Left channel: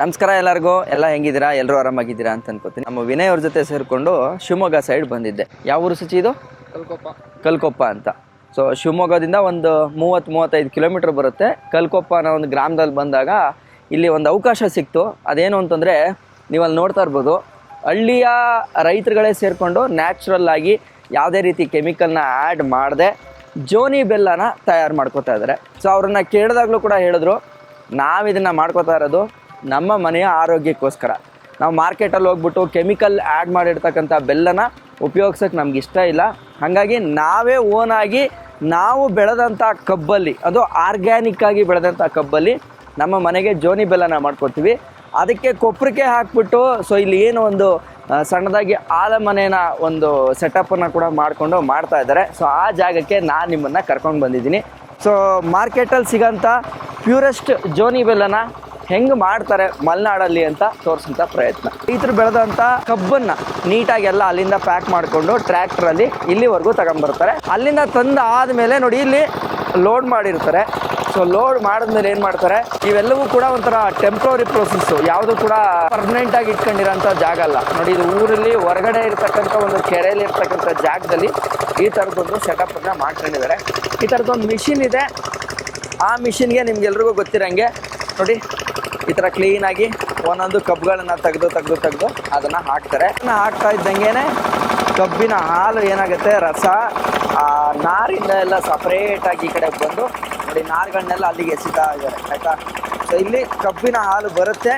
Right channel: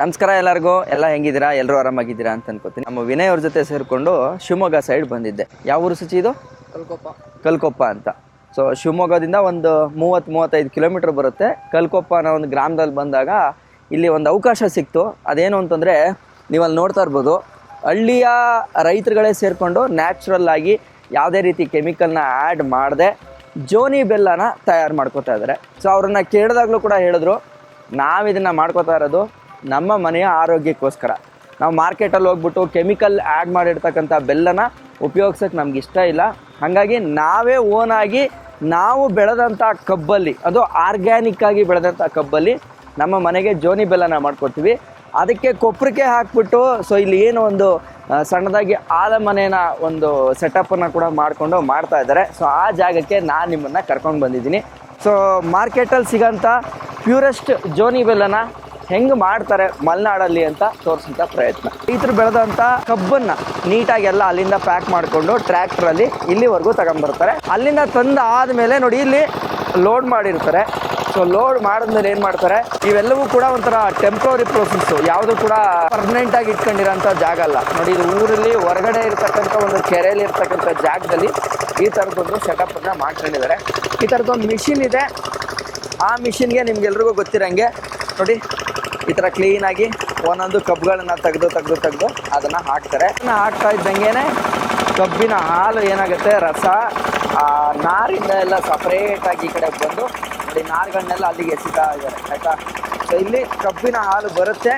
ನಮಸ್ಕಾರ ಎಲ್ಲರಿಗೂ. ಎಲ್ಲ ಹೆಂಗಿದ್ದೀರಾ? ಎಲ್ಲರೂ ಆರಾಮಾಗಿದ್ದೀರಾ ಅಂತ ಅನ್ಕೋತೀನಿ. ನಮ್ಮ ವಿನಯ್ ಅವ್ರ ಜೊತೆ ಸೇರಿಕೊಂಡು ಶಿವಮೊಗ್ಗ ಸೈಡ್ ಬಂದಿದ್ದೆ. ಯಾವ ಊರು ಸಚಿ ಇದು? ಕಲ್ಕೊಪ್ಪ ಅಂತ. ಸೊ ಶಿವಮೊಗ್ಗದಿಂದ ಒಂದು 30-35 ಕಿಲೋಮೀಟರ್ ಬರುತ್ತೆ. ಕಲ್ಕೊಪ್ಪ ಅನ್ನೋ ಒಂದು ಗ್ರಾಮದಲ್ಲಿ ಬಂದಾಗ ಇಲ್ಲಿ ಒಂದು ಅವಕಾಶ ಸಿಕ್ತು. ಅದೇನು ಅಂತಂದರೆ, ನೀವು ಅಲ್ಲಿ ನೋಡ್ತಾ ಇರ್ಬೋದು, ಹಳ್ಳಿಯ ರೈತರುಗಳೇ ಸೇರಿಕೊಂಡು ನ್ಯಾಚುರಲ್ ಆಗಿ ಯಾವುದೇ ರೀತಿ ಕೆಮಿಕಲ್ನ ಆ್ಯಡ್ ಮಾಡದೆ ಜೋನಿ ಬೆಲ್ಲನ ತಯಾರು ಮಾಡ್ಕೋತಾ ಇದ್ದಾರೆ. ಸೊ ಅವ್ರನ್ನ ಕೇಳಿದಾಗಲೂ ಕೂಡ ಹೇಳಿದ್ರು, ನಾವಿದನ್ನು ಮಾಡ್ಕೋತಾ ಇರೋದು ನಮ್ಮ ಮನೆಯ ಆರೋಗ್ಯಕ್ಕೋಸ್ಕರ. ನಾವು ಮಾರ್ಕೆಟಲ್ಲಿ ಹೋಗ್ಬಿಟ್ಟು ಕೆಮಿಕಲ್ ಆ್ಯಡ್ ಮಾಡಿರ್ತಕ್ಕಂಥ ಬೆಲ್ಲನ ಉಪಯೋಗಿಸೋಕ್ಕೆ ನಮ್ಗೆ ಇಷ್ಟ ಇಲ್ಲ. ಹಾಗಾಗಿ ನಾವೇ ಓನಾಗಿ ನಾವು ಬೆಳೆದಂಥ ಕಬ್ಬಲ್ಲಿ, ಅದು ಆರ್ಗ್ಯಾನಿಕ್ಕಾಗಿ ಬೆಳೆದಂಥ ಕಬ್ಬಲ್ಲಿ ನಮ್ಮ ಮನೆಗೆ ಜೋನಿ ಬೆಲ್ಲನ ಮಾಡ್ಕೊತೀವಿ. ಅದಕ್ಕೆ ಕೊಪ್ಪರಿಕೆ ಹಾಕ್ಬಿಟ್ಟು, ಸೊ ಇಲ್ಲಿ ಏನು ಒಂದು ಸಣ್ಣದಾಗಿ ಆಲಮನೆಯ ಒಂದು ಸೆಟಪ್ಪನ್ನು ಕೂಡ ಮಾಡಿಕೊಂಡು ಮಾಡ್ತಾ ಇದ್ದಾರೆ. ಸೊ ಆ ಜಾಗಕ್ಕೆ ನಾನು ನಿಮ್ಮನ್ನು ಕರ್ಕೊಂಡು ಬಂದಿದ್ದೀನಿ. ಸೊ ಮಾರ್ಕೆಟಲ್ಲಿ ಸಿಗೋಂಥ ಪ್ಯೂರೆಸ್ಟ್ ಜೋನಿ ಬೆಲ್ಲನ ಹೆಂಗೆ ಮಾಡ್ತಾರೆ ಮಲೆನಾಡಲ್ಲಿ ಅಂತ ತೋರಿಸೋಂಥ ಪ್ರಯತ್ನ. ರೈತರು ಬೆಳೆದಂಥ ಕಬ್ಬನ್ನು ನೀಟಾಗಿ ಎಲ್ಲ ಅಲ್ಲಿಂದ ಪ್ಯಾಕ್ ಮಾಡಿಕೊಂಡು ಟ್ರ್ಯಾಕ್ಟ್ರಲ್ಲಿ ಇಲ್ಲಿವರೆಗೂ ತಗೊಂಡ್ಬರ್ತಾರೆ. ಅಲ್ಲಿಂದ ತಂದು ಆದಮೇಲೆ ನೋಡಿ ಇಲ್ಲಿ ಲೋಡ್ ಮಾಡಿರ್ತಾರೆ. ಸೊ ಲೋಡ್ ಮಾಡಿದ್ಮೇಲೆ ಏನು ಮಾಡ್ತಾರೆ, ಇವೆಲ್ಲವೂ ಕೂಡ ಒಂಥರ ಟೆಂಪ್ರವರಿ ಪ್ರೊಸೆಸ್ಸು, ಯಾವುದು ಕೂಡ ಪರ್ಮನೆಂಟಾಗಿ ಇಟ್ಕೊಂಡಿರೋಂಥ ಜಾಗ ಅಲ್ಲ. ನೋಡಿ, ಇದು ಊರಲ್ಲಿ ಹೊರಗಡೆ ಇರ್ತಕ್ಕಂಥ ಒಂದು ಕೆರೆಯಲ್ಲಿ ಇರ್ತಕ್ಕಂಥ ಜಾಗದಲ್ಲಿ ಈ ಥರದ್ದೊಂದು ಸೆಟಪ್ಪನ್ನು ಮಾಡ್ಕೊಂಡಿದ್ದಾರೆ. ಈ ಥರದ್ದೊಂದು ಮಿಷಿನ್ ಇದೆ. ಆ ಮಿಷಿನ್ಗೆ ನಿಮ್ಗೆಲ್ರಿಗೂ ಗೊತ್ತಿರೋಂಗೆ ನೋಡಿ, ಈ ಥರ ಕ್ಲೀನಾಗಿ ಒಂದೊಂದು ಕಬ್ಬುಗಳನ್ನು ತೆಗೆದು ಅದನ್ನು ಹಾಕ್ತಾರೆ. ಹಾಕ್ತಾ ಇದ್ದಂಗೆ ಕಬ್ಬಿನ ಹಾಲು ಏನಾಗುತ್ತೆ, ರಸ ನಾರಿಂದ ಎಲ್ಲ ಸಪ್ರೇಟಾಗಿ ಈ ಕಡೆ ಬಂದು ನೋಡಿ, ನಾರುಗಳನ್ನೆಲ್ಲ ಅಲ್ಲಿಗೆ ಎಸಿತಾ ಇದ್ದಾರೆ, ಆಯಿತಾ. ಸೊ ಇಲ್ಲಿ ಕಬ್ಬಿನ ಹಾಲು ಬರುತ್ತೆ.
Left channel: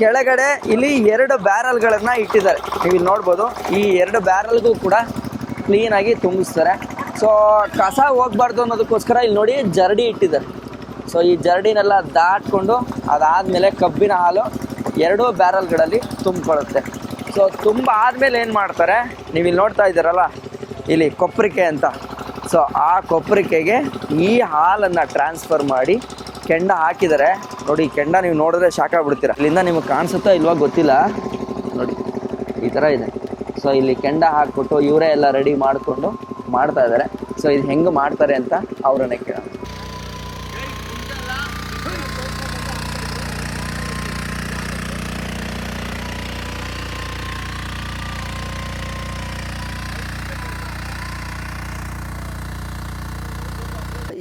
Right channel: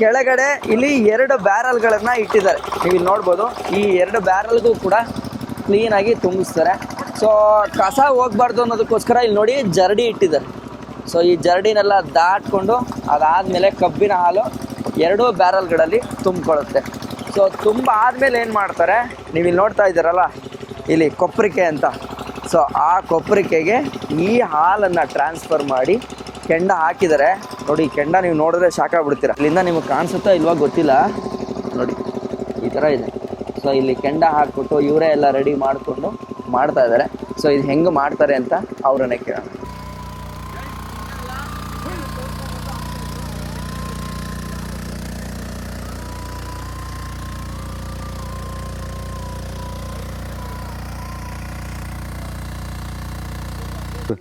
ಕೆಳಗಡೆ ಇಲ್ಲಿ 2 ಬ್ಯಾರಲ್ಗಳನ್ನು ಇಟ್ಟಿದ್ದಾರೆ. ನೀವು ಇಲ್ಲಿ ನೋಡ್ಬೋದು, ಈ 2 ಬ್ಯಾರಲ್ಗೂ ಕೂಡ ಕ್ಲೀನಾಗಿ ತುಂಬಿಸ್ತಾರೆ. ಸೊ ಕಸ ಹೋಗ್ಬಾರ್ದು ಅನ್ನೋದಕ್ಕೋಸ್ಕರ ಇಲ್ಲಿ ನೋಡಿ ಜರಡಿ ಇಟ್ಟಿದ್ದಾರೆ. ಸೊ ಈ ಜರಡಿನೆಲ್ಲ ದಾಟ್ಕೊಂಡು ಅದಾದಮೇಲೆ ಕಬ್ಬಿನ ಹಾಲು 2 ಬ್ಯಾರಲ್ಗಳಲ್ಲಿ ತುಂಬಿಕೊಳ್ಳುತ್ತೆ. ಸೊ ತುಂಬ ಆದಮೇಲೆ ಏನು ಮಾಡ್ತಾರೆ, ನೀವು ಇಲ್ಲಿ ನೋಡ್ತಾ ಇದ್ದೀರಲ್ಲ, ಇಲ್ಲಿ ಕೊಪ್ಪರಿಕೆ ಅಂತ. ಸೊ ಆ ಕೊಪ್ಪರಿಕೆಗೆ ಈ ಹಾಲನ್ನು ಟ್ರಾನ್ಸ್ಫರ್ ಮಾಡಿ ಕೆಂಡ ಹಾಕಿದ್ದಾರೆ. ನೋಡಿ, ಕೆಂಡ ನೀವು ನೋಡಿದ್ರೆ ಶಾಕ್ ಆಗ್ಬಿಡ್ತೀರ. ಇಲ್ಲಿಂದ ನಿಮಗೆ ಕಾಣಿಸುತ್ತಾ ಇಲ್ವಾ ಗೊತ್ತಿಲ್ಲ, ನೋಡಿ ಈ ಥರ ಇದೆ. ಸೊ ಇಲ್ಲಿ ಕೆಂಡ ಹಾಕ್ಬಿಟ್ಟು ಇವರೇ ಎಲ್ಲ ರೆಡಿ ಮಾಡಿಕೊಂಡು ಮಾಡ್ತಾ ಇದ್ದಾರೆ. ಸೊ ಇದು ಹೆಂಗೆ ಮಾಡ್ತಾರೆ ಅಂತ ಅವರನ್ನೇ ಕೇಳೋಣ.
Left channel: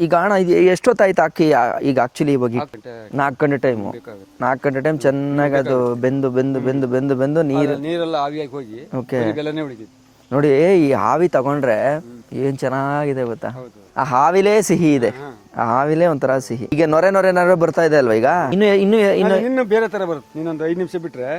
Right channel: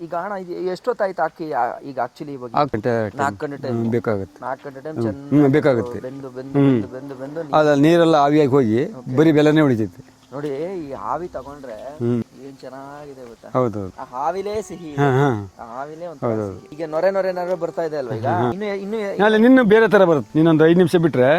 ಈಗ ಅಣ್ಣ, ಇದು ಎಷ್ಟೊತ್ತಾಯ್ತು ಹಾಕಿ? ಈಗ ಆಕ್ಚುಲಿ ಇವಾಗ 4 ಗಂಟೆ ಟೈಮ್ ಬೇಕಾಗುತ್ತೆ. 4 ಗಂಟೆ ಟೈಮ್ ಚೆನ್ನಾಗಿ ಬೆಂದು ನೀರೆಲ್ಲ ಆವಿಯಾಗಿ ಹೋಗಿ ಬರೀ ಬೆಲ್ಲನೇ ಉಳಿತೈತಿ. ನೋಡಿ, ಈ ಹಾವಿ ತಗೊಂಡ್ರೆ ಏನ್ ಚೆನ್ನಾಗಿದೆ ಗೊತ್ತಾ. ಆ ಹಾವಿಲೇ ಸಿಹಿ ಇದೆ, ಆ ಹಾವಿಲೇ ಒಂಥರ ಸಿಹಿ. ಈಗ ನೊರೆ ಬರ್ತಾ ಇದೆ ಅಲ್ವಾ. ಈಗ ಇನ್ನು ಬೇರೆ ತರ ಬರುತ್ತೆ. ಇನ್ನೊಂದು 5 ನಿಮಿಷ ಬಿಟ್ರೆ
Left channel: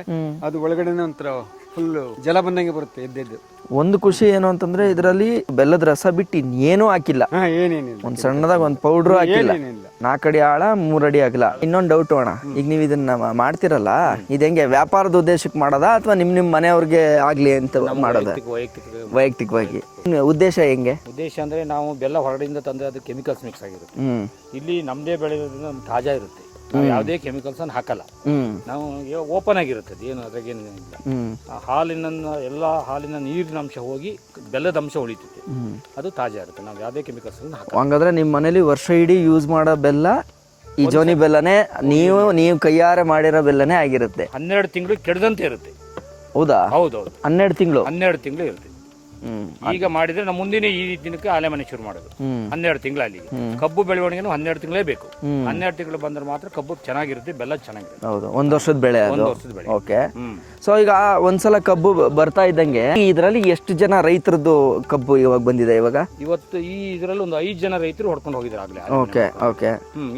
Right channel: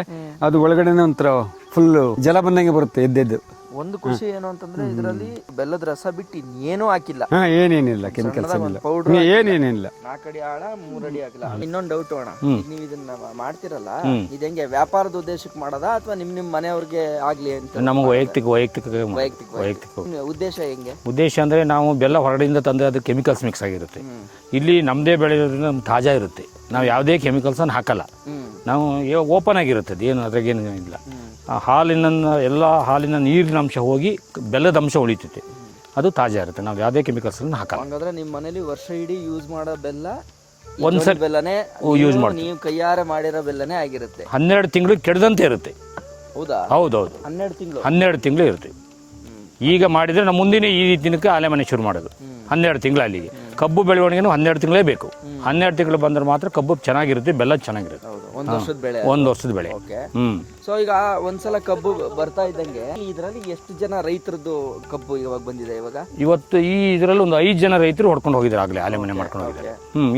ಅದು ಒಳಗಡೆ ಒಂಥರ ಫುಲ್ ಜಲ ಬಂದಂಗೆ ಬರುತ್ತೆ ಎದ್ದೆದ್ದು. ಒಂದು ಖುಷಿ ಏನು ಅಂತಂದ್ರೆ, ಇದರಲ್ಲಿ ಬೆಲ್ಲದ ರಸ ಬಿಟ್ಟು ಇನ್ನೇನೂ ಹಾಕಿಲ್ಲ, ಏನೇನಿಲ್ಲ. ಸಣ್ಣದಾಗ ಒಂದು ಪೌಡ್ರು ಹಾಕಿಲ್ಲ. 4 ಅಡಿ ಆಳ 3 ಅಡಿ ಆಗಿಲ್ಲ. ಇನ್ನೊಂದು ಡೌಟ್ ಅಣ್ಣ, ಈಗ ನೀವು ಇದನ್ನ ಮಾಡ್ತಿರಲ್ಲ, ಇದು ಹೆಂಗೆ ವ್ಯಾಪಾರದ ಉದ್ದೇಶಕ್ಕೆ ಮಾಡೋದಾ ಅಥವಾ ನಿಮ್ ಮನೆಯವ್ರಿಗೆ ಆಗ್ಲಿ ಅಂತ? ವೈಯಕ್ತಿಕವಾಗಿ ಉದ್ದೇಶ ಹೆಂಗೆ? ಉದ್ದೇಶ ಅಂದ್ರೆ, ನಾವು ಬೆಲ್ಲ ಹೊರಗಡೆಯಿಂದ ತಂದ್ರೆ ಅದು ಕೆಮಿಕಲ್ಸ್ ಮಿಕ್ಸ್ ಆಗಿರುತ್ತೆ. ಇಲ್ಲಿ ನಮ್ದೇ ಬೆಳೆಯೋದ್ರಿಂದ ತಾಜಾ ಇರುತ್ತೆ. ನಾವು ಯಾವುದೇ ಕೆಮಿಕಲ್ಸ್ ಅನ್ನು ಹಾಕಲ್ಲ. ನಾವು ಓಪನ್ ಆಗಿರುತ್ತೆ, ಏನು ಅದ್ರಾಗೇನು ಇಲ್ಲ. ಹಾಲಿನ ಹಾಲಿನ ನೀರಿನ ಅಂಶ ಹೋಗಿ ಬೆಲ್ಲದ ಅಂಶ ಉಳಿತೈತೆ, ಅದು ತಾಜಾ ಇರುತ್ತೆ. ನಾವು ಯಾವುದೇ ಕೆಮಿಕಲ್ಸ್ ಅನ್ನು ಹಾಕಲ್ಲ. ಹಂಗಾದ್ರೆ ನಿಮ್ಮ ಮನೇಲಿ ವರ್ಷ ಇಡೀ ಯೂಸ್ ಮಾಡೋ ಬೆಲ್ಲ ಈ ಜೋನಿ ಬೆಲ್ಲನೇ, ನೀವು ಕೈಯಾರೆ ಮಾಡಿರೋ ಬೆಲ್ಲನೇ ಆಗಿರುತ್ತೆ. 12 ತಿಂಗಳು ಕೆಡದಂತೆ ಇರುತ್ತೆ. ಹೌದಾ? ಹೌದೌದು, 12 ತಿಂಗಳು ಇರುತ್ತೆ. ಈಗ ಮಾಡಿದ್ರೆ ನಾವು ಮುಂದಿನ ಈ ದಿನಕ್ಕೆ ಆಲೆಮನೆ ಶುರು ಮಾಡೋದು 12 ತಿಂಗಳು. ಅಲ್ಲಿಗೆ ಕಬ್ಬು ಬೆಳವಣಿಗೆನೂ 12 ತಿಂಗಳೇ ಬೇಕು. 12 ತಿಂಗಳು ಬಂದ್ರೆ ಮಾತ್ರ ಕಬ್ಬು ಚೆನ್ನಾಗಿರುತ್ತೆ, ಬೆಲ್ಲ ಚೆನ್ನಾಗಿರುತ್ತೆ. ಹೌದು, 1 ವರ್ಷದ ಬೆಳೆ. 1 ವರ್ಷದ ಬೆಳೆ. ಓಕೆ. ಸೊ ಈಗ ಒಂದ್ಸಲ ಕಬ್ಬು ಬರ್ತಾ ಇದ್ದಂಗೆ ಇದರಲ್ಲಿ ಎಷ್ಟು ಜನ ರೈತರದ್ದು ಕಬ್ಬು ಇವಾಗ ಬಂದಿದೆ? ಇವತ್ತು ಈ ಇದರಲ್ಲಿ ಒಂದು 5 ಜನ ರೈತರು ಹೊಡ್ಕೊಂಡು ಹೋಗಿದ್ದಾರೆ ಆಗ್ಲೇ ಆಲೆಮನೆ.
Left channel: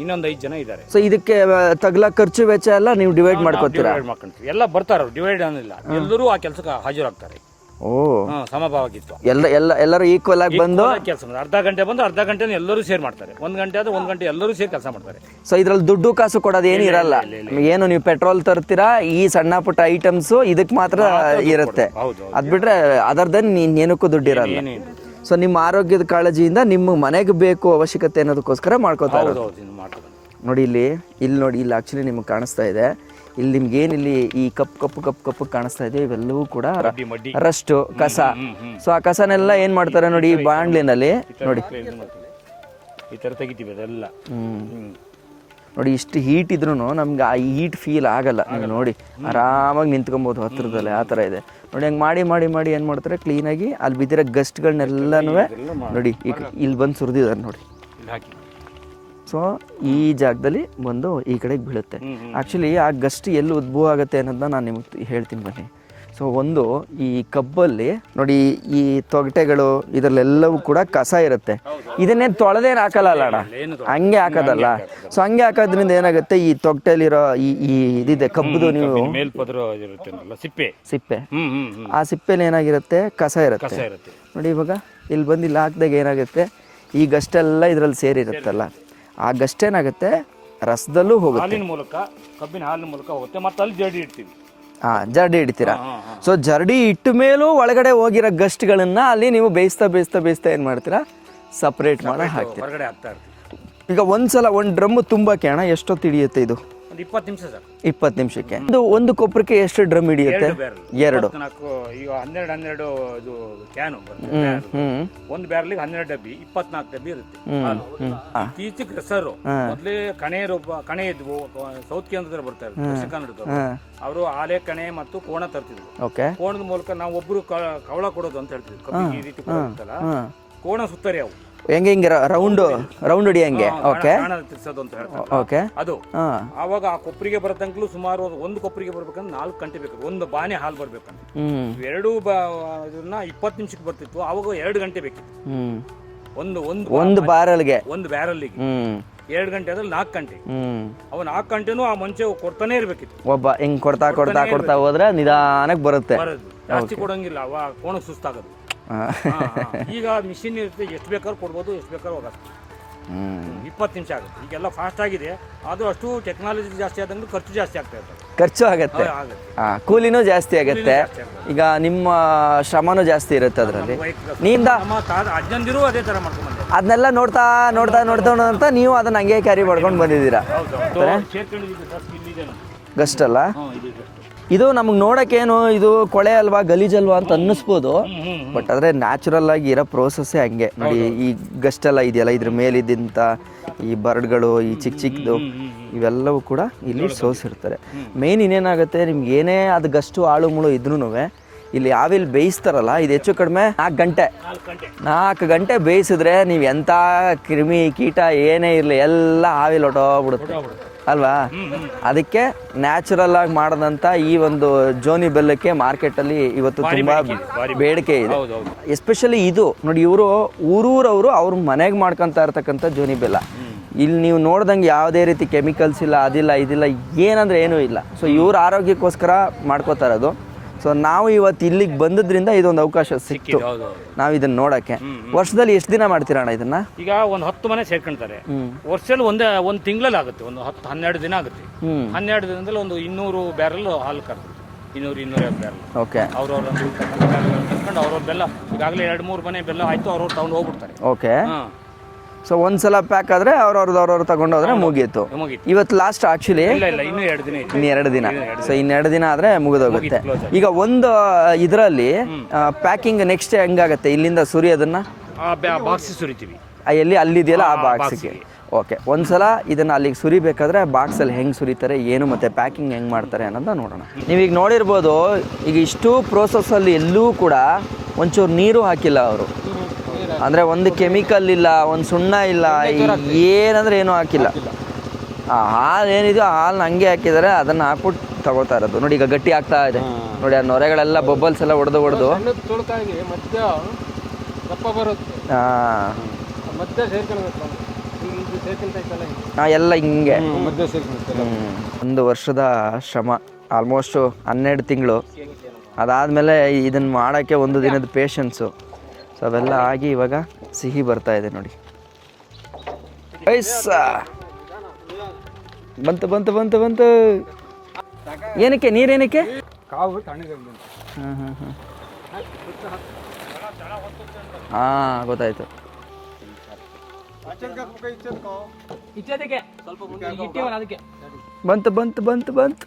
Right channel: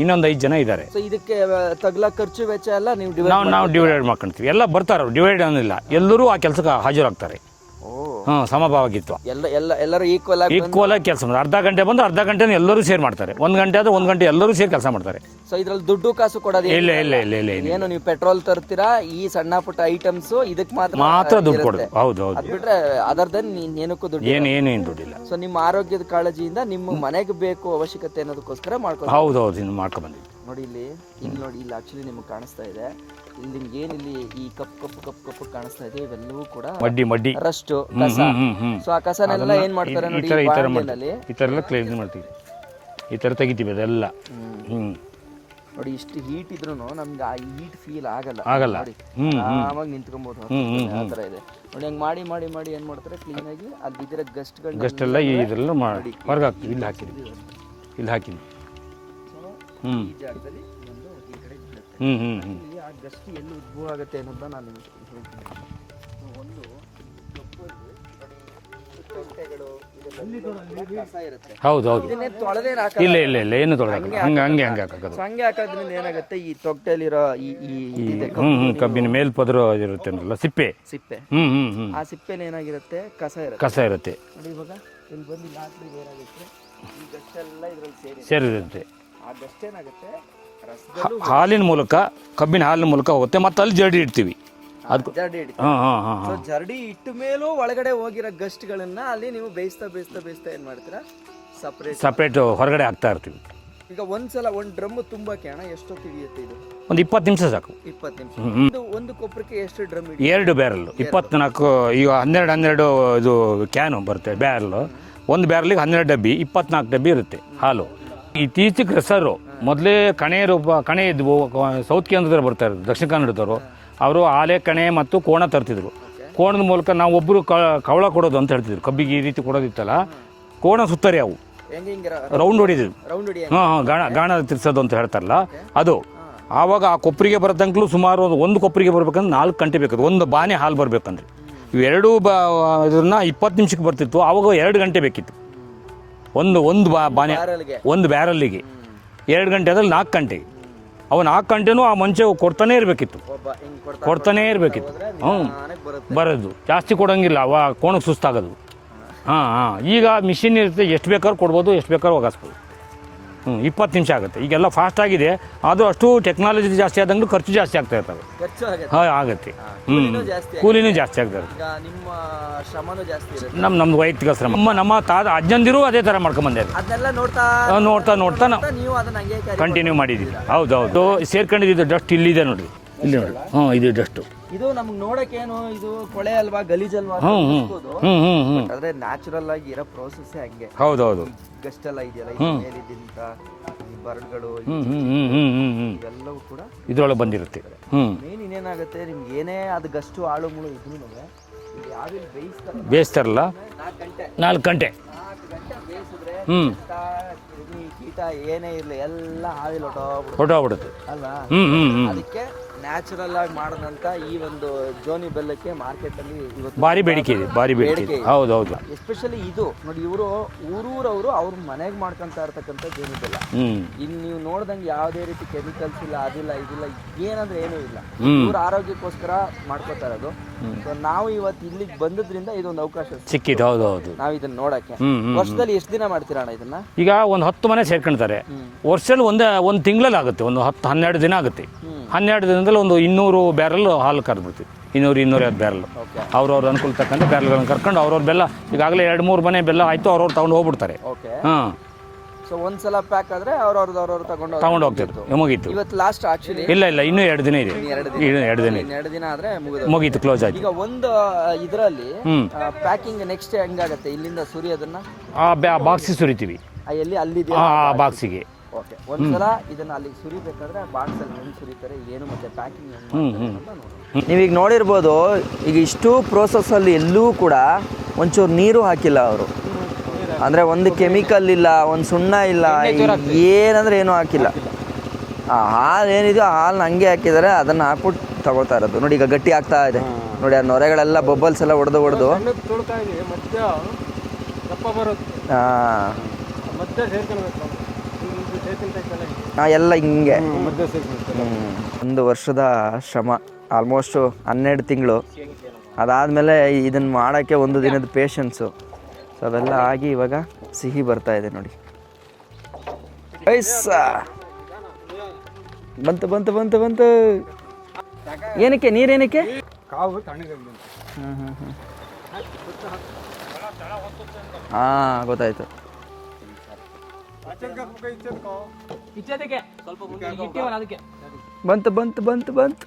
ಇನ್ನೊಂದು 5 ಜನ ಇದ್ದಾರೆ. ಸೊ ಇದಕ್ಕೆ ತಗಲ ಖರ್ಚು ವೆಚ್ಚ ಎಲ್ಲ ನೀವು ಡಿವೈಡ್ ಮಾಡ್ಕೊಂತೀವಿ. ಎಲ್ಲ ಬರ್ತಾರ, ಡಿವೈಡ್ ಅನ್ನಿಲ್ಲ, ಎಲ್ಲರೂ ಆ ಕೆಲಸಕ್ಕೆ ಹಾಜರಾಗ್ತಾರೆ. ಸಮಭಾವಗಿತ್ತು. ಎಲ್ಲರೂ ಈಕ್ವಲ್ ಆಗಿ ಬಂದು ಕೆಲಸ ಮಾಡ್ತಾರೆ. ಅರ್ಧ ಗಂಟೆ ಬಂದು ಅರ್ಧ ಗಂಟೆ ಎಲ್ಲರೂ ಸೇರ್ ಮಾಡ್ತಾರೆ. 1 ಗಂಟೆ ಆದ್ರೆ 1 ಗಂಟೆ ಎಲ್ಲರೂ ಸೇರಿ ಕೆಲಸ ಮಾಡ್ತಾರೆ. ಸೊ ಇದ್ರಲ್ಲಿ ದುಡ್ಡು ಕಾಸು ಕೊಡೋದು ಏನಿರಲ್ಲ. ಏನು ನೀವು ಪೆಟ್ರೋಲ್ ತರ್ತೀರಾ, ಈ ಸಣ್ಣ ಪುಟ್ಟ ಐಟಮ್ಸ್ ಇದಕ್ಕೆ ಮಾತ್ರ ಇರುತ್ತೆ. ಅದ್ ಬಿಟ್ರೆ ಅದರ್ದನ್ ಏನಕ್ಕೂ ದುಡ್ಡು ಇರಲ್ಲ. ಸೊ ನಿಮ್ಮ ಆರೋಗ್ಯದ ಕಾಳಜಿಯಿಂದ ನಿಮ್ಮ ಮನೆಗೆ ಬೇಕು ಅವಶ್ಯಕತೆ ಅನ್ನೋದಕ್ಕೋಸ್ಕರ ಮಾಡ್ಕೊತಾರೆ. ನೋಡಿ ಇಲ್ಲಿ ನೋಡಿ, ಇಲ್ಲಿ ಆಕ್ಚುಲಿ ನಿಮ್ಗೆ ಕಾಣಿಸ್ತಾ ಇದೆ, ಇಲ್ಲಿ ನಿಮ್ಗೆ ಏನಿಲ್ಲಿ ಈ ಕಪ್ಪು ಕಾಣಿಸ್ತಾ ಇದೆ, ಇವೆಲ್ಲವೂ ಕೂಡ ರಸ್ಟ್ ಕಸ. ಸೊ ಆ ಕಸನೆಲ್ಲ ಏನ್ ಮಾಡ್ತಾರೆ ನೋಡಿ, ಬಾಣಲಿನಲ್ಲಿ ಈ ತರ ತೆಗಿತೀವಿ ಅದೆಲ್ಲ. ನೋಡಿ ಇಷ್ಟು ಹೀಟ್ ಇದ್ರೂ ನಮ್ಗೆ ಆ ಹೀಟ್ ಫೀಲ್ ಆಗಲ್ಲ ನೋಡಿ, ಆರಾಮಾಗಿ ನಿಂತ್ಕೊಬೋದು ಹತ್ರದಲ್ಲೇ, ಆ ಥರ ಇದೆ ನೋಡಿ. ಹಂಗೆ ಮಾಡಿ ಮಾಡಿ ಮಾಡಿ ಏನು ಮಾಡ್ತಾರೆ, ಕ್ಲೀನಾಗಿ ಅಲ್ಲಿ ಬಿದ್ದಿರೋ ಗಸ್ಟ್ಗಳನ್ನೆಲ್ಲ ನೋಡಿ ಇಲ್ಲಿ ಬಂದು ಸುರಿದಿದ್ದಾರೆ ನೋಡಿ, ಇಲ್ಲಿ ಹಾಕಿ. ಸೊ ಈ ಜಾಗದಲ್ಲಿ ಬಂದು ಈ ಕಡೆಗೆ ಬೀಳುತ್ತೆ. ಆ್ಯಕ್ಚುಲಿ ಆ ಗಸ್ಟ್ ಎಲ್ಲಿ ಉದ್ಭವ ಆಗುತ್ತೆ ಅನ್ನೋದನ್ನ ನಾನು ನಿಮಗೆ ಹೇಳ್ತೀನಿ ಬನ್ನಿ. ಸೊ ಒಂದು ಈ ಕಬ್ಬಲ್ಲಿ ನೋಡಿ ಈ ತೊಗಟೆಗಳು ಇದರಲ್ಲೆಲ್ಲವೂ ಕೂಡ ಕಸ ಇರುತ್ತೆ, ಇದನ್ನೇ ತೊಳೆದೇನು ಹಾಕಲ್ಲ, ಹಂಗೆ ಹಾಕೋದಲ್ಲ. ಸೊ ಹಂಗೆ ಹಾಕೋದ್ರಿಂದ ಏನಾಗುತ್ತೆ, ಈ ತೊಗಟೆಲಿರೋ ಈ ಇದಿದೆ ಕಬ್ಬು ಮೇಲ್ಪದ್ರ ಇರುತ್ತೆ ಸಿಪ್ಪೆ, ಆ ಸಿಪ್ಪೆಲಿ ಏನಾಗಿರುತ್ತೆ, ಕಸ ಇರುತ್ತೆ ನೋಡಿ. ಇವಾಗ ಇಲ್ಲಿ ಬಂದು ಇಲ್ಲಿ ಹಾಕಿದಾಗ ಏನಾಗುತ್ತೆ, ಈ ಗಷ್ಟೆಲ್ಲ ಇದ್ರಲ್ಲಿ ಸೇರಿರುತ್ತಲ್ಲ, ಆ ಗಸ್ಟ್ ಏನಾಗುತ್ತೆ ರಸದಲ್ಲೂ ಹಾಲಿನ ಮೂಲಕ, ಕಬ್ಬಿನ ಹಾಲಿನ ಮೂಲಕ ಹೋಗುತ್ತೆ, ಮತ್ತೆ ಅಲ್ಲಿ ಜರಡಿ ಇಡ್ತೀವಿ, ಜರಡಿ ಇಡ್ತೀರಾ. ಸೊ ಜರಡಿ ಇಟ್ಟ ಮೇಲೂ ಒಳಗಡೆ ಹೋಗಿರೋ ಗಸ್ಟ್ಗಳನ್ನ ಅಲ್ಲಿ ನೀವು ಬೇಯಿಸ್ತಾ ಏನ್ ಮಾಡ್ತೀರಾ, ಸಪ್ರೇಟ್ ಹೊರಗಡೆ ಹಾಕ್ತಾ ಇರ್ತೀವಿ. ಈಗ ಒಂದ್ಸಲ ಒಂದು ಡ್ರಮ್ ತುಂಬಕ್ಕೆ ಅಣ್ಣ ಎಷ್ಟೊತ್ತು ಹಿಡಿಯುತ್ತೆ ಇದು? ಒಂದು 20 ನಿಮಿಷ ಸಾಕು. 20 ನಿಮಿಷಕ್ಕೆ ಒಂದು ಕೊಬ್ಬರಿಗೆ ಎಷ್ಟು ಡ್ರಮ್ ಹಿಡಿಯುತ್ತೆ? 2 ಬ್ಯಾರಲ್, 24 ಈಗ 12 ಇದು ಕ್ಯಾನು ಬರುತ್ತೆ ಬ್ಯಾರಲ್. ಒಂದು ಬ್ಯಾರಲ್ಗೆ 12 ಡಬ್ಬಿ, 24 ಡಬ್ಬಿ ಇರುತ್ತೆ ಹಾಲು. ಇತ್ತೀಚೆಗೆ ಹೆಸರು ಮೊದಲೇ ಕಣೆ ಇದ್ವು, ಸೌತ್ ಕೇಂದ್ರದವ್ರು ಬರ್ತಾರೆ, ದಕ್ಷಿಣ ಕನ್ನಡದವರು, ಅವರು ಆಲೆ ಕಣೆ ಮತ್ತು ಕೋಣ ತರ್ತಿದ್ರು. ಕೋಣದ ಮೂಲಕ ನಾವು ಒಬ್ರು ಕವಳ ಕೊಡೋದು ಅಂತ ಹೇಳ್ತಿದ್ರು, ಕಬ್ಬಿಗೆ ಈ ರೀತಿ ಕೊಡೋದಿತ್ತಲ್ಲ, ಕೋಣ ಸುತ್ತರಿ ಅವು ಹೆಂಗೆ ರೌಂಡ್ ಹೊಡಿ ಗಾಣ ತಿರ್ಸೋದು ಅಂತ ಹೇಳ್ತಾರಲ್ಲ ಅದು. ಆವಾಗ ಆ ಕೊಪ್ಪರಿಗೆ ಬರದಂಗ್ಲೂ ಸುಮಾರು ಒಂದು ಕೊಪ್ಪರಿಗೆ ಬರ್ಬೇಕಂದ್ರೆ 4 ಗಂಟೆ ಬೇಕು, ಒಂದು ಬಾನೆ ಹಾಲು ಬರ್ಬೇಕಂದ್ರೆ. ಇವೆರಡು ಇದನ್ನ 20 ನಿಮಿಷಕ್ಕೆ ಬರ್ತಿತ್ತು, ಅವಾಗ 2 ಗಂಟೆ ಬೇಕಿತ್ತು. ಒಂದು ಬ್ಯಾರಲ್ಗೆ 2 ಗಂಟೆ ಅದ್ರಲ್ಲಿ 4 ಗಂಟೆ. ಅವ್ 4 ಗಂಟೆನೂ ಆ ಮಂಚೆ ಕೊಡ್ತಾನೆ ಇರ್ಬೇಕಿತ್ತು. ಒಬ್ಬ ಹಿಂಗ್ ಕೊಡ್ತಾನೆ ನಿಧಾನಕ್ಕೆ ಬರೋದು, ಜಾಸ್ತಿ ಕೊಡಂಗಿಲ್ಲ, ಅವ ಕೋಣಕ್ಕೆ ಸುಸ್ತಾಗೋದು. ಈಗ ಮಿಷಿನ್ ಇರುತ್ತೆ, ಎಷ್ಟು ಬೇಕಾದ್ರೂ ಕೊಡ್ಬೋದು, ಎಷ್ಟು ಬೇಕಾದ್ರೂ ಒಗಾಸ್ಬೋದು. 20 ನಿಮಿಷ ಆಗುತ್ತೆ. ಈಗೆಲ್ಲ ಫಾಸ್ಟ್ ಆಗಿದೆ, ಅದು ಅಷ್ಟು ಟೆಕ್ನಾಲಜಿ ಜಾಸ್ತಿ ಆದಂಗೆ ಖರ್ಚು ಜಾಸ್ತಿ ಆಗ್ತಾ ಇರ್ತವೆ. ಖರ್ಚು ಆಗುತ್ತೆ, ಕೂಲಿನೂ ಜಾಸ್ತಿ ಆಗುತ್ತೆ. ಈಗ ನಿಮ್ಮ ಶ್ರಮನೂ ಜಾಸ್ತಿ ಇರುತ್ತೆ. ನಮ್ದು ವೈಯಕ್ತಿಕ ನಮ್ಮ ಅಜ್ಜಂದಿರು ಅದೇ ತರ ಮಾಡ್ಕೊಂಡ್ ಬಂದೆ, ಅದನ್ನೆಲ್ಲ ನೋಡ್ತಾ ನೀವು ಅದನ್ನ ಹಂಗೆ ಕ್ಯಾರಿ ಮಾಡ್ಕೊಂಡು ಬಂದಿದ್ದೀರಾ. ಹೌದೌದು, ಸೇರ್ಕೊಂಡಿದ್ದು ಡಸ್ಟ್ ಇಲ್ಲಿದೆ ನೋಡಿ, ಗಸ್ಟ್ ಅಲ್ಲ ಇದು ಡಸ್ಟ್. ಇದು ನಮ್ಗೆ ನೋಡಕ್ಕೇನು ಇದು ಕೊಳೆ ಅಲ್ವಾ, ಗಲೀಜಲ್ವಾ ಅಂತ ಅನ್ನಿಸ್ಬೋದು, ಬಟ್ ಆದ್ರೆ ನ್ಯಾಚುರಲ್ ಆಗಿ ಇರೋ ಪ್ರೋಸೆಸ್ ಹಂಗೆ. ಈ ಗಸ್ಟ್ ಎಲ್ಲ ಇದೆಯಲ್ಲ, ಇದ್ರ ಮೇಲಿದ್ದಂತ ಈ ಬರ್ಡ್ಗಳು, ಈ ಚಿಕ್ಕದು ಇವೆಲ್ಲವೂ ಕೂಡ ಇದ್ರೊಳಗೆ ಮೇನ್ ಇನ್ನೇನಾಗುತ್ತೆ, ನಿಮ್ಗೆ ಏನೇ ಅದು ಗಷ್ಟು ಆಳು ಮುಳು ಇದ್ರೂನುವೆ ಇಲ್ಲಿ ಆವಿಲ್ ಬೇಯಿಸ್ತಾರಲ್ಲ, ಇದು ಹೆಚ್ಚು ಕಡಿಮೆ 4 ಗಂಟೆ ಬೇಯಿಸಿದ್ರೆ ನೀವು ಎಂತ ಕ್ರಿಮಿ ಕೀಟ ಏನೇ ಇರ್ಲಿ ಎಲ್ಲ ಆವಿಲ್ ಹೊಟ್ಟೋಗ್ಬಿಡುತ್ತೆ ಅಲ್ವಾ. ಅದಕ್ಕೆ ನ್ಯಾಚುರಲ್ ಆಗಿ ಮಾಡದಂತ ಈ ಒಂದು ಜೋನಿ ಬೆಲ್ಲಕ್ಕೆ ಮಾರ್ಕೆಟ್ ಅಲ್ಲಿ ಇವತ್ತು ಬೇಡಿಕೆ ಇದೆ. ಎಸ್ಪೆಷಲಿ ಇದು ನೋಡಿ, ಇವರು ಊರೂರವರು ಅವ್ರ ಮನೆಗೆ ಮಾಡ್ಕೊಂತ ಇರ್ತಕ್ಕಂಥ ಜೋನಿ ಬೆಲ್ಲ. ಇಲ್ಲಿ ನೀವು ನೋಡ್ದಂಗೆ ಯಾವುದೇ ರೀತಿ ಕೆಮಿಕಲ್ಸ್ ಇಲ್ಲ, ಅದಿಲ್ಲ ಇದಿಲ್ಲ, ಏನಂದ್ರೆ ಏನೂ ಇಲ್ಲ. ಸೊ ಇವ್ರ ಆರೋಗ್ಯಕ್ಕೋಸ್ಕರ ಮಾಡ್ಕೋತಾ ಇರೋದು. ಸೊ ನಾವು ಇವತ್ತು ಇಲ್ಲಿಗೆ ಬಂದದ್ರಿಂದ ಇದೊಂದು ಅವಕಾಶ ಸಿಕ್ಕಿದೆ ನಾವು ಇದನ್ನ ನೋಡಕ್ಕೆ. ವರ್ಷದಲ್ಲಿ ಎಷ್ಟು ದಿನ ಮಾಡ್ತೀರಾ ಅಣ್ಣ ಇದನ್ನ? ಈಗ ಒಂದು 10 ಮನೆ ಸೇರ್ಕೊಂತಾರೆ, ವರ್ಷದಲ್ಲಿ ಒಂದು ತಿಂಗಳಲ್ಲಿ ಆಗುತ್ತೆ, ಒಂದು 10-12 ದಿನ ಆಗುತ್ತೆ. 12 ದಿನದಲ್ಲಿ ಒಂದು 200 ಬ್ಯಾರಲ್ ಹಾಲು ಕರೆದ್ಬಿಡ್ತೀವಿ, 200-250 ಬ್ಯಾರಲ್. ಅವ್ರವ್ರ ಅನುಕೂಲ ತಕ್ಕಂತ ಬ್ಯಾರಲ್ಗಳನ್ನ ಕರ್ಕೊಂಡು ಅವ್ರವ್ರ ಬೆಲ್ಲ, ಈಗಾಗಲೇ 2-3 ಮನೆ ಬೆಲ್ಲ ಆಯ್ತು, ಅವ್ರವ್ರು ತಗೊಂಡು ಹೋಗ್ಬಿಡ್ತಾರೆ. ಓಕೆ. ಸೊ ಒಂದ್ಸಲ ಪ್ಯಾಕ್ ಆದ್ರೆ ಅವ್ರವ್ರು ತಗೊಂಡೋದ್ರೆ ಮುಗೀತು. ಇವತ್ತು ಲಾಸ್ಟ್ ಆಕ್ಚುಲಿ ಇಲ್ಲ ಇನ್ನೂ 2 ದಿನ ಇದೆ. ಇನ್ನೆರಡು ದಿನ ಆದ್ರೆ ಮುಗಿದು ಕ್ಲೋಸ್. ಈಗ ಒಂದು ಇದರಲ್ಲಿ ಪ್ಯಾಕಿಂಗ್ ನೆಕ್ಸ್ಟ್ ಹೆಂಗಾಗತ್ತೆ, ಇಲ್ಲಿಂದ ಸುರಿಯೋದನ್ನ ಬಾಕ್ಸ್ ಸುರಿತೀವಿ, ಎಲ್ಲಿ ಅಲ್ಲಿದೆಯಲ್ಲ ಆ ಬಾಕ್ಸಿಗೆ. ಓಕೆ, ಒಂದ್ಸಲ ಇದನ್ನ ಅಲ್ಲಿಗೆ ಸುರಿಬೇಕಾದ್ರೆ ಬಾಕ್ಸ್ ಅಲ್ಲಿ ಹೆಂಗ್ ಸುರಿತಾರೆ ಏನು, ಮತ್ತೆ ಪ್ಯಾಕಿಂಗ್ ಹೆಂಗ್ ಮಾಡ್ತಾರೆ ಅನ್ನೋದನ್ನ ನೋಡೋಣ. ನೀವೀಗ ನೋಡಿರ್ಬೋದು, ಈಗ ಇಷ್ಟು ಪ್ರೋಸೆಸ್ ಅಲ್ಲಿ ಎಲ್ಲೂ ಕೂಡ ಒಂಚೂರು ನೀರು ಹಾಕಿಲ್ಲ ಅವರು, ಅಂದ್ರೆ ಒಂದು ಕೆಮಿಕಲ್ ಇಲ್ಲ, ಒಂದು ಸುಣ್ಣ ಇಲ್ಲ, ಏನಂದ್ರೆ ಏನೂ ಹಾಕಿಲ್ಲ. ಹಾಲು ಏನಿದೆಯೋ ಹಾಲನ್ನ ಹಂಗೆ ಹಾಕಿದ್ದಾರೆ, ಅದನ್ನ ಹಾಕ್ಬಿಟ್ಟು ತಗೋತಾ ಇರೋದು ನೋಡಿ. ಈಗ ಗಟ್ಟಿ ಆಗ್ತಾ ಇದೆ ನೋಡಿ, ಆ ನೊರೆಗಳೆಲ್ಲ ಬಬ್ಬಲ್ಸ್ ಎಲ್ಲ ಹೊಡೆದು ಎಲ್ಲ ಹಿಂಗೆ 1 ವರ್ಷದ ಶ್ರಮ, ಆಲ್ಮೋಸ್ಟ್ 12 ತಿಂಗಳು. ಅದಾದ್ಮೇಲೆ ಇದನ್ನ ಮಾಡೋಕ್ಕೆ 1 ದಿನದ ಪೇಷನ್ಸು. ಸೊ ಅವೆಲ್ಲ ಆಗಿ ಇವಾಗ ಸಿಹಿ ಬರ್ತಾ ಇದೆ ನೋಡಿ. ಬಂತು. ಏನಕ್ಕೆ ನೀರೇನಕ್ಕೆ? ಗೊತ್ತಾಯ್ತು. ಬಂತು.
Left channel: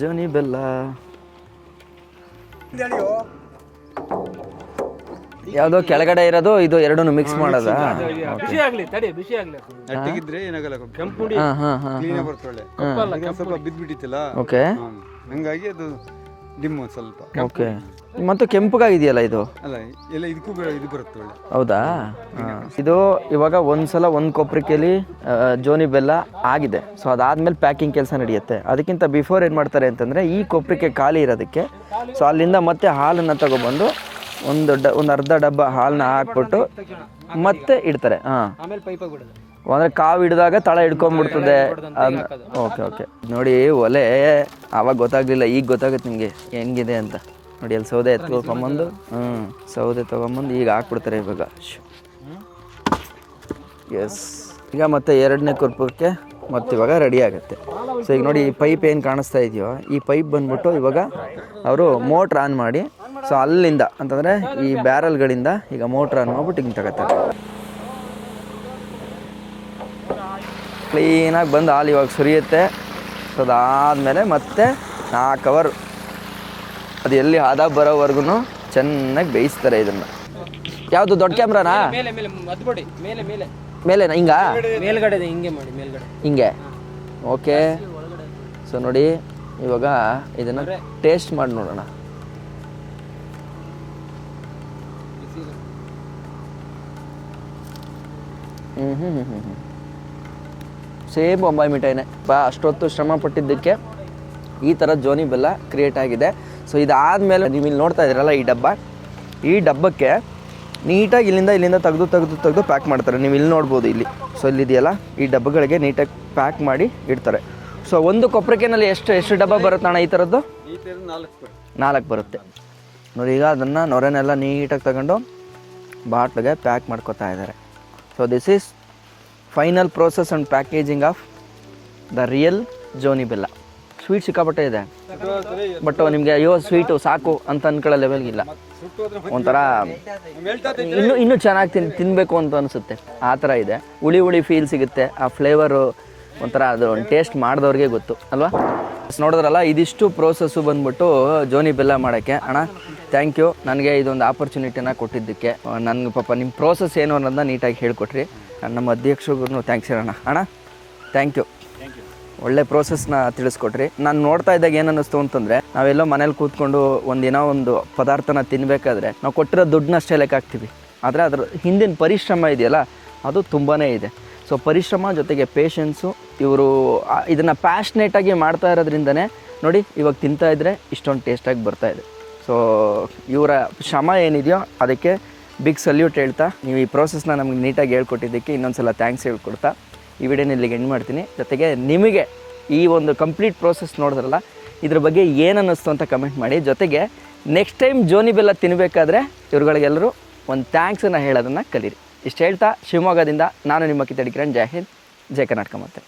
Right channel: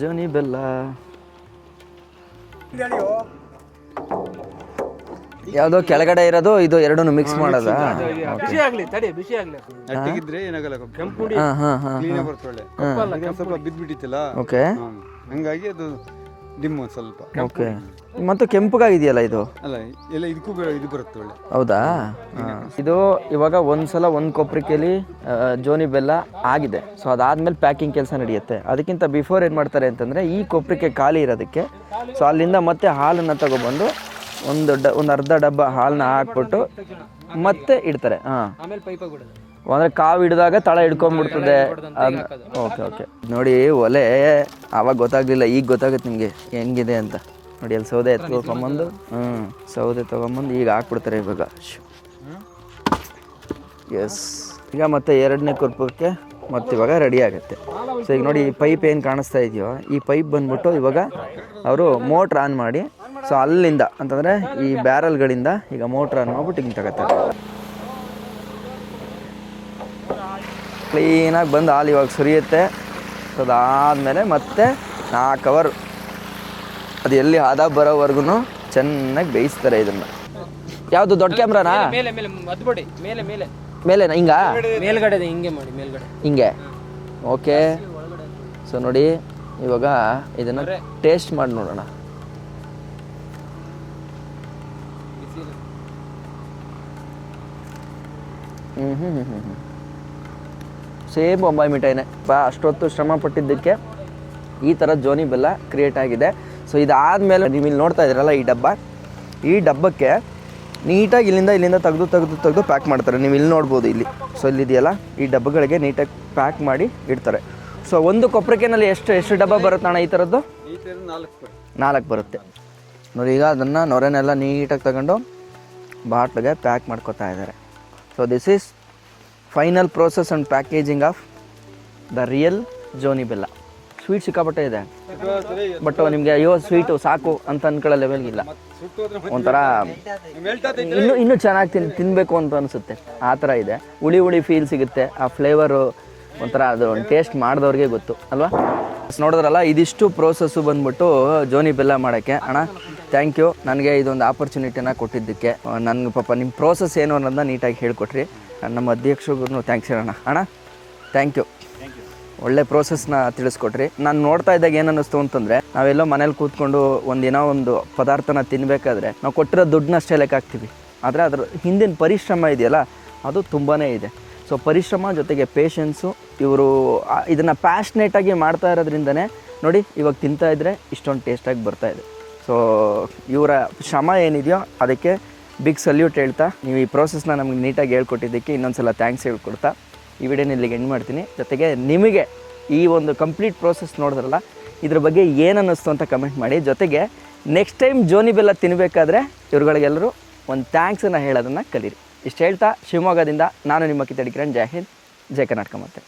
ಜೋನಿ ಬೆಲ್ಲ ಯಾವುದೋ ಕೆಳಗಡೆ ಇರೋದು ಇದು ಎರಡೂ ಮಿಕ್ಸ್ ಮಾಡೋದಾ? ಬಿಸಿ ಆಗ್ಲಿ ತಡಿ, ಬಿಸಿ ಆಗ್ಲಿ. ಅಟ್ಟಿಗಿದ್ರೆ ಏನಾಗಲ್ಲ, ಕೆಂಪು ಹುಡಿ ಹಾಂ ಹಾಂ ಹಾಂ ಕ್ಲೀನ್ ಬರುತ್ತೆ ಒಳ್ಳೆ. ಸ್ವಲ್ಪ ಬಿದ್ದ್ಬಿಟ್ಟಿತ್ತಲ್ಲ, ಓಕೆ ಹಂಗಾಗಿ ಅದು ಡಿಮ್ ಸ್ವಲ್ಪ. ಓಕೆ. ಮತ್ತು ಕೆಂಪಗಾಗಿದೆಯಲ್ಲ ಇದು? ಅಲ್ಲ, ಎಲ್ಲ ಇದಕ್ಕೂ ಇದು ಬರುತ್ತೆ ಒಳ್ಳೆ. ಹೌದಾ? ಇದು ಇವಾಗ ಒಂದ್ಸಲ ಒಂದು ಕೊಬ್ಬರಿಕೆಯಲ್ಲಿ ಜೋನಿ ಬೆಲ್ಲ ಆಗಿದೆ. ಸೊ ಅದಾದ್ಮೇಲೆ ಪ್ಯಾಕಿಂಗ್ ಕೆಲಸ ನಡೆಯುತ್ತೆ. ಅದಕ್ಕಿಂತ ಬಿಫೋರ್ ಏನು ಮಾಡ್ತಾರೆ ಅಂತಂದರೆ, ಈ ಕೊಬ್ಬರಿಕೆ ಖಾಲಿ ಇರೋದಕ್ಕೆ ಸೊ ಅಲ್ಲಿಂದ ಮತ್ತೆ ಹಾಲನ್ನು ತಗೊಬಂದು ಒಂದು ಅರ್ಧ ಡಬ್ಬ ಹಾಲನ್ನ ಹಾಕ್ಬಿಟ್ಟು ಮತ್ತೆ ಇಡ್ತಾರೆ. ಹಾಂ, ಆಮೇಲೆ ಪೈಪಾಗಿ ಬಿಡೋದು. ಅಂದರೆ ಕಾವು ಹಿಡಿದಾಗ ತಳ ಹಿಡ್ಕೊಂಡ್ಬಿಡ್ತದೆ. Okay okay. ನೋಡಿ ಒಲೆ ಆವಾಗ ಗೊತ್ತಾಗಲಿಲ್ಲ, ಈಗ ಗೊತ್ತಾಗುತ್ತೆ ನಿಮಗೆ ಹೆಂಗಿದೆ ಅಂತ. ನೋಡಿ ಅಲ್ಲಿ ಸೌದೆ ಎತ್ಕೊಂಬಂದು ಸೌದೆ ತೊಗೊಂಬಂದು ಈಗ ಹಾಕ್ಬಿಡ್ತಾರೆ ಇವಾಗ. ಎಸ್, ಈಗ ಮತ್ತೆ ಎರಡನೇ ಕುರ್ಪಕ್ಕೆ ಮತ್ತು ಇವಾಗ ರೆಡಿ ಆಗುತ್ತೆ. ಸೊ ಈಗ ನೋಡಿ ಈ ಪೈಪ್ ಏನು ಕಾಣಿಸ್ತಾ ಇದೆಯೋ, ಈ ಪೈಪ್ ಬಂದ್ಬಿಟ್ಟು ಇವಾಗ ಅವರು ಮೋಟ್ರ್ ಆನ್ ಮಾಡಿ, ಸೊ ಅಲ್ಲಿಂದ ಅಂತಂದರೆ ಈ ಬ್ಯಾರಲ್ಗಳಿಂದ ಈಗ ಮೋಟ್ರ್ ಆನ್ ಮಾಡ್ಬಿಟ್ಟು ಹಿಂಗೆ ತಗೋತಾರೆ. ಕ್ಲೀನಾಗಿ ಬಂದು ಹಾಲು ಇವಾಗ ಸುರಿಯುತ್ತೆ. ಸೊ ಅದಾದಮೇಲೆ ಮತ್ತೆ 4 ಅವರ್ ಅದು ಎಲ್ಲಿ ಹದ ಬರೋವರೆಗೂ ಚೆನ್ನಾಗಿ ಬೇಯಿಸ್ತಾರೆ ಇದನ್ನು. ಯಾವುದು ದೊಡ್ಡ ಕ್ಯಾಮ್ರಾನಾ? ಮೇಲೆ ಮೇಲೆ ಮದ್ಬಿಡಿ, ಮೇಲೆ ಮೇಲೆ ಮೇಲೆನಾ? ಹಿಂಗಾ? ಮೇಲ್ಗಡೆ ಹಿಂಗೆ ಮಾಡಿ, ಮೇಲ್ಗಡೆ ಹಿಂಗೆ. ಓಕೆ. ಸೊ ನೋಡಿ ಇವಾಗ ಇದನ್ನು ಟೇಸ್ಟ್ ಮಾಡಿ ನೋಡೋಣ. ಸೇಮ್ ಬೊಂಬಾಯಿ ಮಿಠಾಯಿನೇ. ಅಷ್ಟೊತ್ತು ಶ್ರಮ ಪಟ್ಟಿದ್ದಕ್ಕೆ ಈ ಥರ ಜೋನಿ ಬೆಲ್ಲ ಕ್ರಿಯೇಟ್ ಆಗಿದೆ. ಸೊ ಇದಾದಮೇಲೆ ನೀವು ಇಲ್ಲಿ ನೋಡ್ತಾ ಇದ್ದೀರಲ್ಲ ಈ ಡಬ್ಬಕ್ಕೆ ನೀಟಾಗಿ ಇಲ್ಲಿಂದ ತೆಗೆದು ಪ್ಯಾಕ್ ಮಾಡ್ತಾರೆ. ನೀವು ಇಲ್ಲಿ ನೋಡ್ಬೋದು, ಇಲ್ಲಿ ಸೊ ಇಲ್ಲಿದೆಯಲ್ಲ ಈ ಡಬ್ಬಗಳಿಗೆ ನೀಟಾಗಿ ಪ್ಯಾಕ್ ಮಾಡಿ ಇಡ್ತಾರೆ. ಸೊ ಒಂದು ಕೊಬ್ಬರಿಕೆನಲ್ಲಿ ಎಷ್ಟು ಡಬ್ಬ ಬರುತ್ತೆ ಅಣ್ಣ ಈ ಥರದ್ದು? 4 ಬರುತ್ತೆ ನೋಡಿ. ಈಗ ಅದನ್ನು ನೊರೆನೆಲ್ಲ ನೀಟಾಗಿ ತಗೊಂಡು ಬಾಟ್ಲಿಗೆ ಪ್ಯಾಕ್ ಮಾಡ್ಕೊತಾ ಇದ್ದಾರೆ. So this is final process and packaging of the real ಜೋನಿ ಬೆಲ್ಲ. ಸ್ವೀಟ್ ಸಿಕ್ಕಾಪಟ್ಟೆ ಇದೆ, ಬಟ್ ನಿಮಗೆ ಅಯ್ಯೋ ಸ್ವೀಟು ಸಾಕು ಅಂತ ಅನ್ಕೊಳ್ಳೋ ಲೆವೆಲ್ಗಿಲ್ಲ. ಒಂಥರ ಇನ್ನೂ ಚೆನ್ನಾಗಿ ತಿನ್ನಬೇಕು ಅಂತ ಅನಿಸುತ್ತೆ, ಆ ಥರ ಇದೆ. ಹುಳಿ ಫೀಲ್ ಸಿಗುತ್ತೆ. ಆ ಫ್ಲೇವರು ಒಂಥರ ಅದು ಟೇಸ್ಟ್ ಮಾಡಿದವ್ರಿಗೆ ಗೊತ್ತು ಅಲ್ವಾ? ನೋಡಿದ್ರಲ್ಲ, ಇದಿಷ್ಟು ಪ್ರೋಸೆಸ್ಸು ಬಂದ್ಬಿಟ್ಟು ಜೋನಿ ಬೆಲ್ಲ ಮಾಡೋಕ್ಕೆ. ಅಣ್ಣ ಥ್ಯಾಂಕ್ ಯು, ನನಗೆ ಇದೊಂದು ಆಪರ್ಚುನಿಟಿನ ಕೊಟ್ಟಿದ್ದಕ್ಕೆ. ನನಗೆ ಪಾಪ ನಿಮ್ಮ ಪ್ರೋಸೆಸ್ ಏನು ಅನ್ನೋದನ್ನ ನೀಟಾಗಿ ಹೇಳ್ಕೊಟ್ರಿ. ನಮ್ಮ ಅಧ್ಯಕ್ಷರಿಗೂ ಥ್ಯಾಂಕ್ಸ್ ಹೇಳೋಣ. ಅಣ್ಣ ಥ್ಯಾಂಕ್ ಯು, ಒಳ್ಳೆ ಪ್ರೋಸೆಸ್ನ ತಿಳಿಸ್ಕೊಟ್ರಿ. ನಾನು ನೋಡ್ತಾ ಇದ್ದಾಗ ಏನು ಅನ್ನಿಸ್ತು ಅಂತಂದರೆ, ನಾವೆಲ್ಲೋ ಮನೇಲಿ ಕೂತ್ಕೊಂಡು ಒಂದಿನೋ ಒಂದು ಪದಾರ್ಥನ ತಿನ್ನಬೇಕಾದ್ರೆ ನಾವು ಕೊಟ್ಟಿರೋ ದುಡ್ಡನ್ನಷ್ಟೇ ಲೆಕ್ಕ ಹಾಕ್ತೀವಿ. ಆದರೆ ಅದ್ರ ಹಿಂದಿನ ಪರಿಶ್ರಮ ಇದೆಯಲ್ಲ, ಅದು ತುಂಬಾ ಇದೆ. ಸೊ ಪರಿಶ್ರಮ ಜೊತೆಗೆ ಪೇಷನ್ಸು, ಇವರು ಇದನ್ನು ಪ್ಯಾಷನೇಟಾಗಿ ಮಾಡ್ತಾ ಇರೋದ್ರಿಂದನೇ ನೋಡಿ ಇವಾಗ ತಿಂತಾ ಇದ್ದರೆ ಇಷ್ಟೊಂದು ಟೇಸ್ಟಾಗಿ ಬರ್ತಾಯಿದೆ. ಸೊ ಇವರ ಶ್ರಮ ಏನಿದೆಯೋ ಅದಕ್ಕೆ ಬಿಗ್ ಸಲ್ಯೂಟ್ ಹೇಳ್ತಾ, ನೀವು ಈ ಪ್ರೋಸೆಸ್ನ ನಮಗೆ ನೀಟಾಗಿ ಹೇಳ್ಕೊಟ್ಟಿದ್ದಕ್ಕೆ ಇನ್ನೊಂದು ಸಲ ಥ್ಯಾಂಕ್ಸ್ ಹೇಳ್ಕೊಡ್ತಾ ಈ ವಿಡಿಯೋನ ಇಲ್ಲಿಗೆ ಎಂಡ್ ಮಾಡ್ತೀನಿ. ಜೊತೆಗೆ ನಿಮಗೆ ಈ ಒಂದು ಕಂಪ್ಲೀಟ್ ಪ್ರೋಸೆಸ್ ನೋಡಿದ್ರಲ್ಲ, ಇದ್ರ ಬಗ್ಗೆ ಏನು ಅನ್ನಿಸ್ತು ಅಂತ ಕಮೆಂಟ್ ಮಾಡಿ. ಜೊತೆಗೆ ನೆಕ್ಸ್ಟ್ ಟೈಮ್ ಜೋನಿ ಬೆಲ್ಲ ತಿನ್ನಬೇಕಾದ್ರೆ ಇವ್ರುಗಳಿಗೆಲ್ಲರೂ ಒಂದು ಥ್ಯಾಂಕ್ಸನ್ನು ಹೇಳೋದನ್ನು ಕಲೀರಿ. ಇಷ್ಟು ಹೇಳ್ತಾ ಶಿವಮೊಗ್ಗದಿಂದ ನಾನು ನಿಮ್ಮ ಕಿತ್ತಡಿ ಕಿರಣ್. ಜೈ ಹಿಂದ್, ಜೈ ಕರ್ನಾಟಕ. ಮತ್ತೆ